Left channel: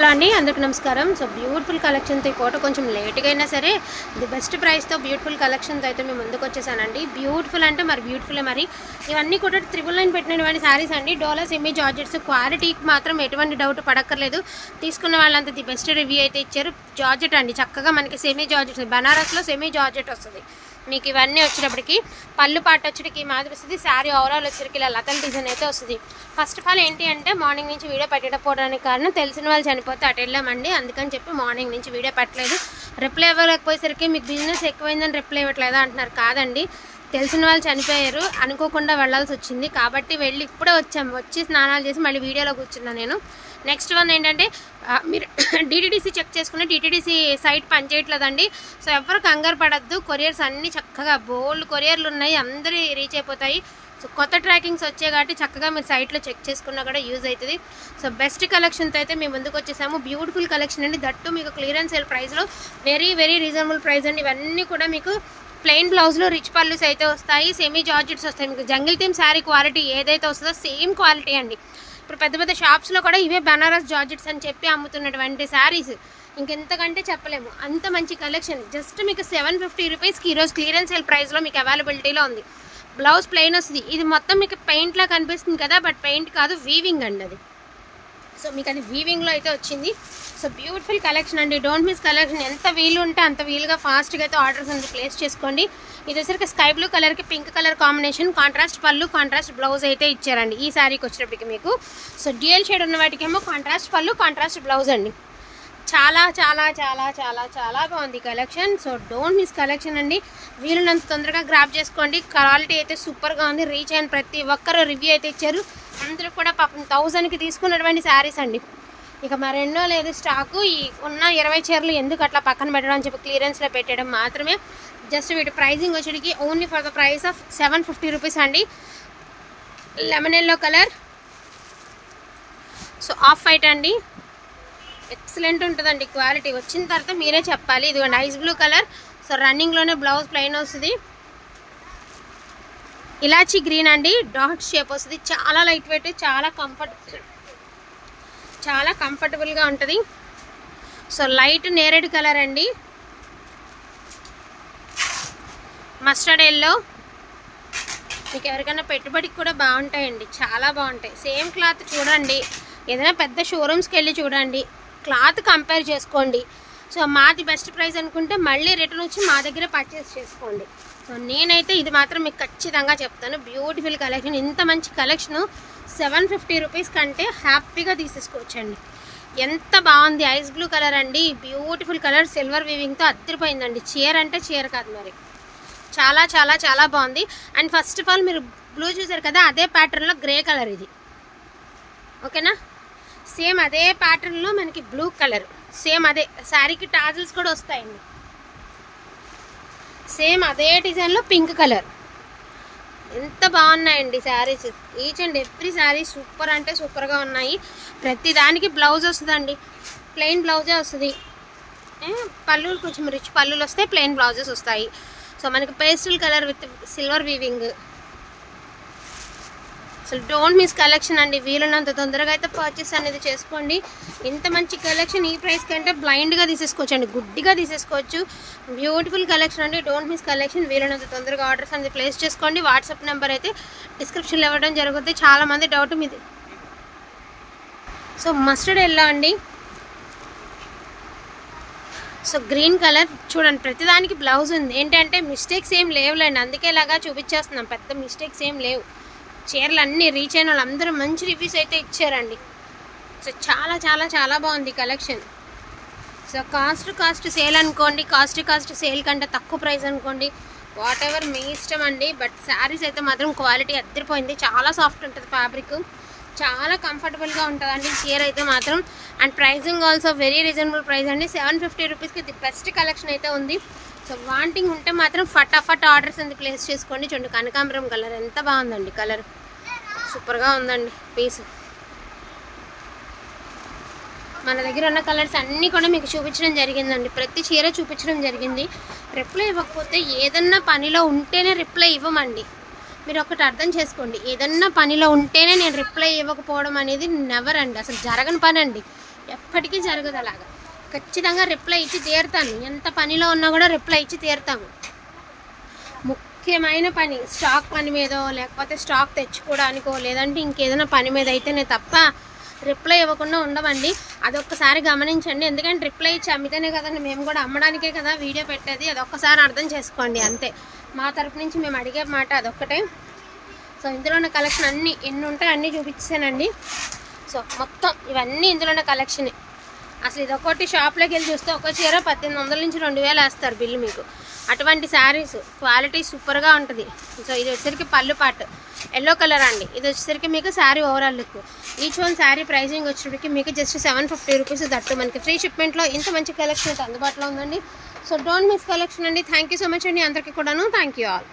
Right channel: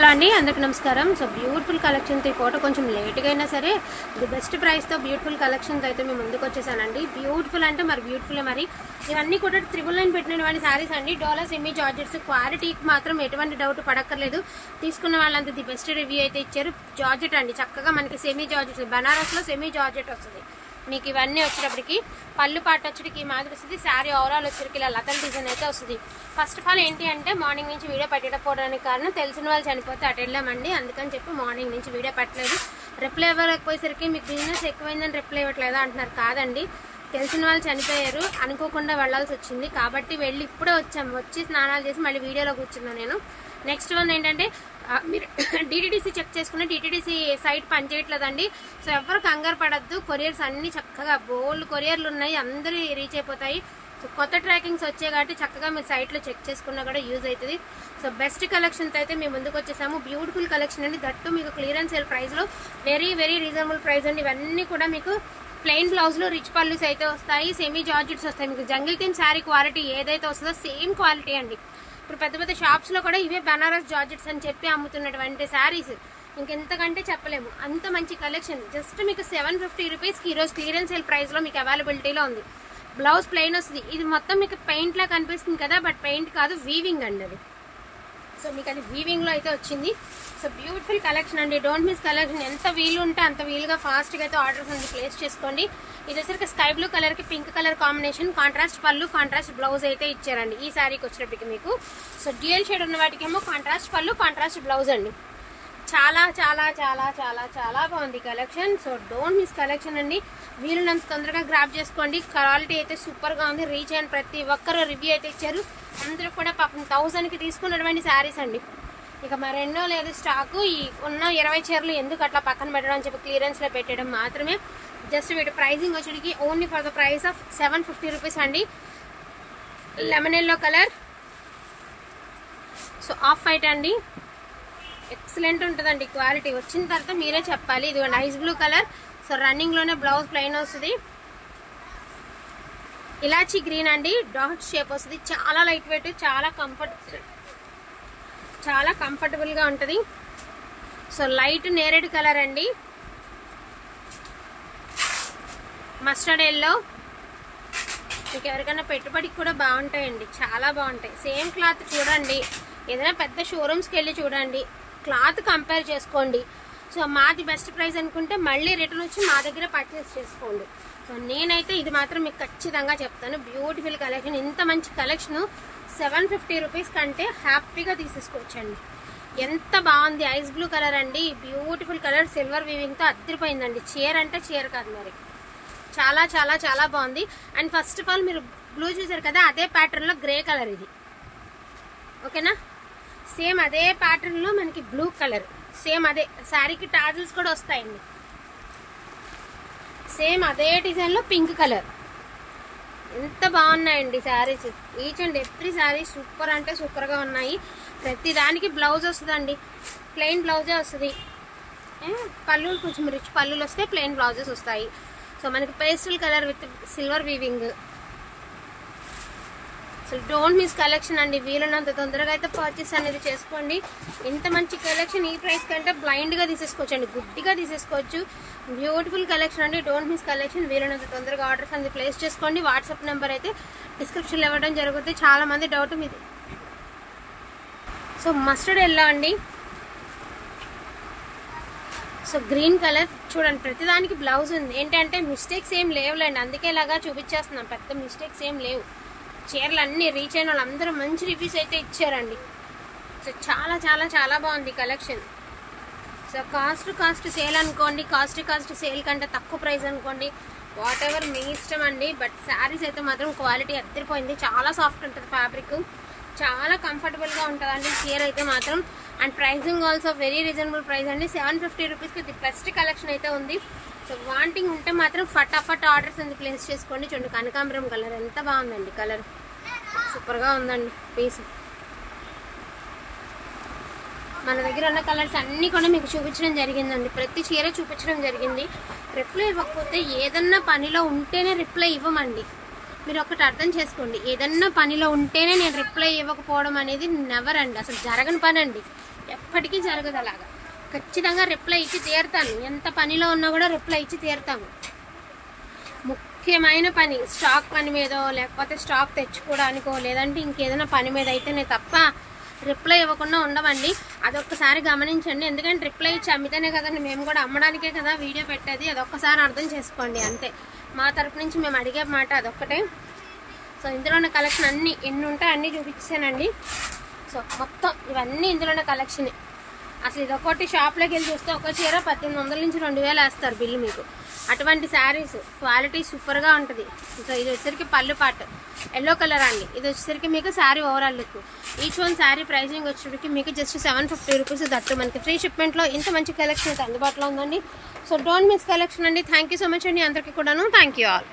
Hello అండి, అందరికీ నమస్కారం. సో బ్యూటిఫుల్ కలెక్షన్తో కోట కొంచెం లేట్గా అయినా సరే ది బెస్ట్ ప్రైస్తో బ్యూటిఫుల్ కలెక్షన్తో అయితే మేము ముందుకు వచ్చేసానండి. బ్యూటిఫుల్ అంటే మరి బ్యూటిఫుల్ మరి ఇవన్నీ కూడా 999 పెట్టినటువంటి శారీస్ అండి. డోలా సెమీ జార్జెట్స్ క్వాలిటీకి మాత్రం ఎటువంటి డౌట్ పడక్కర్లేదు. తీసుకున్న వాళ్ళంతా ది బెస్ట్ రివ్యూ అయితే ఇచ్చారు. జార్జెట్ అండి, చక్కగా మనకి సెమీ జార్జెట్, బనారస్లో సెమీ జార్జెట్ వస్తుంది మీకు. ఇవన్నీ వచ్చేటప్పటికి పళ్ళు పాట వచ్చేటికి మాదిరి వస్తుంది. శారీ ఓవరాల్ వచ్చేటికి ఇలా లతల్ డిజైన్ అయితే వస్తుంది. ఫస్ట్ ఆఫ్ ఆల్ ఏంటి అంటే మార్నింగ్ నుంచి వీడియో పెట్టకపోవడానికి కారణం తెలిసిన వాళ్ళు చనిపోతే అటు వెళ్ళామండి, అందుకని చెప్పి మార్నింగ్ నుంచి వీడియో పెట్టలేదు. రిప్లై ఇవ్వలేకపోయేసరికి మీకు బిజినెస్ ఎక్కువైందని రిప్లై ఇవ్వట్లేదా అంటున్నారు. కాదండి, తెలిసిన వాళ్ళు చనిపోయారు, అనుకోకుండా వెళ్ళాల్సి వచ్చింది కాబట్టి వెళ్ళి ఇప్పుడే వచ్చాము. వచ్చి స్నానాలు చేసి మళ్ళీ వీడియోలో కూర్చున్నాను నేను. నెక్స్ట్ వన్ ఏంటంటే మీరు డిటిడిసి చెక్ చేసుకున్న డిటిడిసి సైట్ పనిచేయట్లేదండి. సో ఎవరు కంగారు పడద్దు. కొరియర్స్ అన్నీ చక్కగా బోల్డ్ కొరియర్లు ఉన్నాయి, అందరూ రీచ్ అయిపోతాయి. సో కొత్త ట్రాకింగ్స్ వచ్చాయి కాబట్టి చక్కగా మీరు సైట్లో చెక్ చేసుకున్నా కూడా యూజ్ అవుతుంది. సో బెస్ట్ కలెక్షన్తో అయితే మేము ముందుకు వచ్చేసాము. బ్యూటిఫుల్ కలెక్షన్ అండి, దట్టు మీకు క్లియరెన్స్ సేల్ ప్రైస్లో వెరీ వెరీ రీజనబుల్ ప్రైస్ అండి. ఇవన్నీ కూడా మీకు ప్లెయిన్ బ్లౌజ్లో రిచ్ పళ్ళుస్ అయితే వస్తాయి, సెమీ జార్జెట్స్ వస్తాయి. మీకు జంగిల్ థీమ్ శారీ క్వాలిటీ ఏదైతే వస్తుందో సేమ్ క్వాలిటీ అండి. ఇప్పుడు పెద్ద పెద్ద షాప్స్లో కూడా ఇవే బనారస్ జార్జెట్స్ అని చెప్పి అమ్ముతున్నటువంటి శారీస్, ఇంకెంతకంటే చెప్పలేము. అంత మంచి కలెక్షన్ జస్ట్ మీకు 750 రూపీస్కి ఈరోజు క్లియరెన్స్ సేల్ ప్రైస్లో మీకు అవైలబిలిటీలో ఉంది. బ్లౌజ్ ప్లెయిన్ వస్తుంది. ఇది మొత్తం మీకు పెయింట్లా కనిపిస్తుంది కదా, బట్ పెయింట్ కాదు, వీవింగ్ అండి అది. సో మీకు అది వీవింగ్లో అయితే వచ్చింది. సో బ్యూటిఫుల్ కలెక్షన్ అండి, డోంట్ మిస్ కలెక్షన్. ఎంత వీలు ఉంటే అంత వీలుగా ఫాస్ట్గా అయితే ఆర్డర్స్ అనేది ప్లేస్ చేసుకోండి. ఇది వచ్చరికి స్కై బ్లూ కలర్కి పింక్ కలర్ కాంబినేషన్, కాంట్రాస్ట్ పళ్ళు కాంట్రాస్ట్ బ్లౌజ్ అయితే ఇచ్చారండి ఈ శారీకి వచ్చేటప్పటికి మీకు. సో డ్యూయల్ షేడ్ ఉన్న వాటికేమో కాంట్రాస్ట్ పళ్ళు కాంట్రాస్ట్ బ్లౌజ్ అండి. చాలా చాలా చాలా చాలా చాలా బాగుంది collection. So don't miss collection అండి, వీలున్నంత తొందరగా గ్రాప్ చేసుకోండి. క్వాలిటీ అయితే సూపర్గా ఉంది. రీచ్ అయిన ప్రతి ఒక్కరు రివ్యూ అయితే ఇచ్చారు. అందరూ కూడా పాపం 1000కి తీసుకున్నటువంటి శారీస్ అండి. ఇక మరెన్నో లేదు స్టాకు. ఈ ఉన్న 20 చీరలు ఎందుకు అట్లా పక్కన పెట్టడం అని చెప్పి క్లియరెన్స్లో పెట్టడం మాత్రమే. జస్ట్ వీటి ప్రైజింగ్ వచ్చేటికి only for the price of 750 rupees అండి. Lemon yellow colour, so off white అండి, ఎక్సలెంట్ ఉంటుందండి క్వాలిటీ. వచ్చిన తర్వాత మీరే చెప్పాలి. ఇది నైస్ బ్లూ కలర్, సో రన్నింగ్లోనే బ్లౌజ్ ప్లెయిన్ వస్తుంది. ఇలాచీ గ్రీన్ అండి, డాట్ షేప్ వస్తుంది. చాలా లైట్ వెయిట్, చాలా కంఫర్టబుల్గా ఉంటుంది. సో లైట్ నేరేడ్ కలర్ అండి, మస్టర్డ్ ఎల్లో. మీకు ఎవరికైనా పెట్టుబడికి కూడా బాగుంటాయండి, చాలా బాగుంటాయి. సేమ్ క్లాత్ చూడండి, ఏదైనా పెద్ద షోరూమ్స్కి వెళ్ళి చూడండి, క్లాత్ కంపేర్ చేసుకోండి. సో మాది బెస్ట్ ప్రైస్ అనుకుంటే మళ్ళీ రిటర్న్ వచ్చి మా దగ్గర పర్చేస్ చేసుకోండి. సో నేనైతే ఇది మాత్రం మీకు ఖచ్చితంగా చెప్తాను. బ్యూటిఫుల్ కలెక్షన్, ఇంత మంచి కలెక్షను 750 రూపీస్ కంటే హ్యాపీగా తీసేసుకోవచ్చండి. ఎంత బాగుంది, ఐస్ బ్లూ కలర్ అండి, బ్యూటిఫుల్ కలర్, సిల్వర్ వీవింగ్తో అద్దరిపోయిందండి. చీర అంటే చీర కాదు మరి, చాలా చాలా చాలా బాగుంది. అండ్ ఫస్ట్ ఆఫ్ ఆల్ మీరు బ్లూ చూసారు కదా, అదే ప్యాటర్న్లో గ్రే కలర్ ఇది, ఓకేనా. సేమ్ అదే ప్యాటర్న్లో మనకి బ్లూ కలర్, సేమ్ అదే శారీకి టాజిల్స్ కూడా వస్తాయండి. సేమ్ అదే డిజైన్లో పింక్ కలర్. ఎంత బాగున్నాయండి saris, each and every sari super అంటే సూపర్గా ఉన్నాయి. ప్రతి దానికి బ్లౌజ్ వస్తుందండి, ప్లెయిన్ బ్లౌజే వస్తుంది. పళ్ళులు కొంచెం రిచ్ పళ్ళులు వస్తాయి, ప్లెయిన్ బ్లౌజెస్ వస్తాయి. సో మనకి pastel colour with silver weaving. So don't miss collection అండి, వీలున్నంత తొందరగా అయితే పర్చేస్ అనేది చేసుకోండి. ఇంత మంచి కలెక్షన్ ఈ ప్రైస్ కంటే బ్లైండ్గా తీసేసుకోవచ్చు అండి, గుడ్డిగా తీసేసుకోవచ్చు. బ్యూటిఫుల్ కలెక్షన్ అండి, డోంట్ మిస్ కలెక్షన్. వీలున్నంత తొందరగా ఆర్డర్స్ అనేది ప్లేస్ చేసుకోండి. వాట్సాప్ నెంబర్ అయితే డిస్క్రిప్షన్లో ఇవ్వడం జరుగుతుంది. చాలామంది డౌట్ మీది. సో మస్టర్డ్ ఎల్లో అండి, సో గ్రీన్ కలర్ చూడండి, ప్రతిదానికి బ్లౌజ్ ఉంది. ఏంటంటే మిస్టేక్స్ ఏం లేవులేండి, అందుకే ఇలాగా చూపించేస్తున్నాం. పెద్ద మిస్టేక్స్ ఏం లేవు. చీరలు అన్నీ రీచ్ అయిన వాళ్ళు అందరూ మంచి రివ్యూస్ అయితే ఇచ్చారండి. సో చాలా చాలా చాలా బాగుంది కలెక్షన్. సో కాస్ట్ సేల్ అనుకోండి, కాస్ట్ సేల్ కంటే తక్కువ ప్రైస్ అనుకోండి, వాట్ ఎవర్ మీ ఇష్టం అండి. బట్ శారీస్ అయితే మాత్రం క్వాలిటీ అద్దరిపోయింది. చాలా సాఫ్ట్ ఉంటుంది ఫ్యాబ్రిక్, చాలా కంఫర్టబుల్గా ఉంటుందండి చీర అయితే మాత్రం. And pricing also very reasonable price అండి. 750 రూపీస్కి ది బెస్ట్ కలెక్షన్ అయితే ఉంది. సో వాంటింగ్ ఉంటే మాత్రం ఫటాఫట్ ఆర్డర్స్ అనేది ప్లేస్ చేసుకోండి. చూడండి కనకాంబరం కలర్ ఎంత బాగుందండి, కలర్ సూపర్గా ఉందండి పీస్. మన దగ్గర ఉన్న కలర్స్ అన్నీ కూడా మీకు చూపించడం జరిగిందండి, ప్రతి చీర చూపించడం జరిగింది. రిప్లై ఇవ్వకపోతే ఏదన్నా పనిలో ఉంటేనే రిప్లై ఇవ్వమండి. మీరు ఒకటి అర్థం చేసుకోండి, ఏదన్నా పనిలో ఉంటేనే నేను రిప్లై ఇవ్వకపోవడం అనేది నెవర్ అండి, అసలు జరగని పని అండి. ఎప్పటికీ జరగదు అలాగా. ఖచ్చితంగా రిప్లై ఇచ్చి తీరుతాను, ఎంత పనిలో ఉన్నా కూడా రిప్లై ఇచ్చి తీరుతాము. ముఖ్యమైన పని, స్టాక్ పని మీదో లేకపోతే స్టాక్ తెచ్చుకోవడానికో లేదంటే ఇంకేదైనా పని మీద అయితేనే తప్ప రిప్లై ఇవ్వకుండా ఉండవండి. అదొక్కసారి గమనించండి. ఎందుకంటే రిప్లై ఇచ్చి అమ్మితేనే కదండి మేము కూడా అమ్మడానికే కదా వీడియో పెట్టేది. అదొక్కసారి అర్థం చేసుకోండి అంతే. మా తరపు నుంచి మేము అడిగే మాట అదొక్కటే. సో ఇందులో ఉన్న కలెక్షన్ అన్నీ ఎన్ని ఉంటాయి అన్నీ చూపించానండి. సో మొత్తం ఇవన్నీ ఇందులోనే కలెక్షనే. అసలు ఇదొకటి షాప్లోకి వెళ్ళి చూస్తే ఒక చీర 1800 నుంచి 2000 వేస్తారు బిల్లు మీకు. అటువంటి శారీస్ క్వాలిటీ సూపర్గా ఉంటుంది. సో ఇది వచ్చేసరికి పళ్ళు పాటు ఎల్లో కలర్ అండి. ఇది వచ్చేసరికి మీకు sari overall look. Each one sari pricing వచ్చేసరికి మీకు జస్ట్ 750 రూపీస్. దట్టు మనకి ఫ్రీ షిప్మెంట్లో ఇంత మంచి కలెక్షన్ అయితే అందుబాటులో ఉందండి. సో డోంట్ మిస్ కలెక్షన్ అండి. థ్యాంక్ యూ సో మచ్ అండి అందరికీ కూడాను. Thank you all.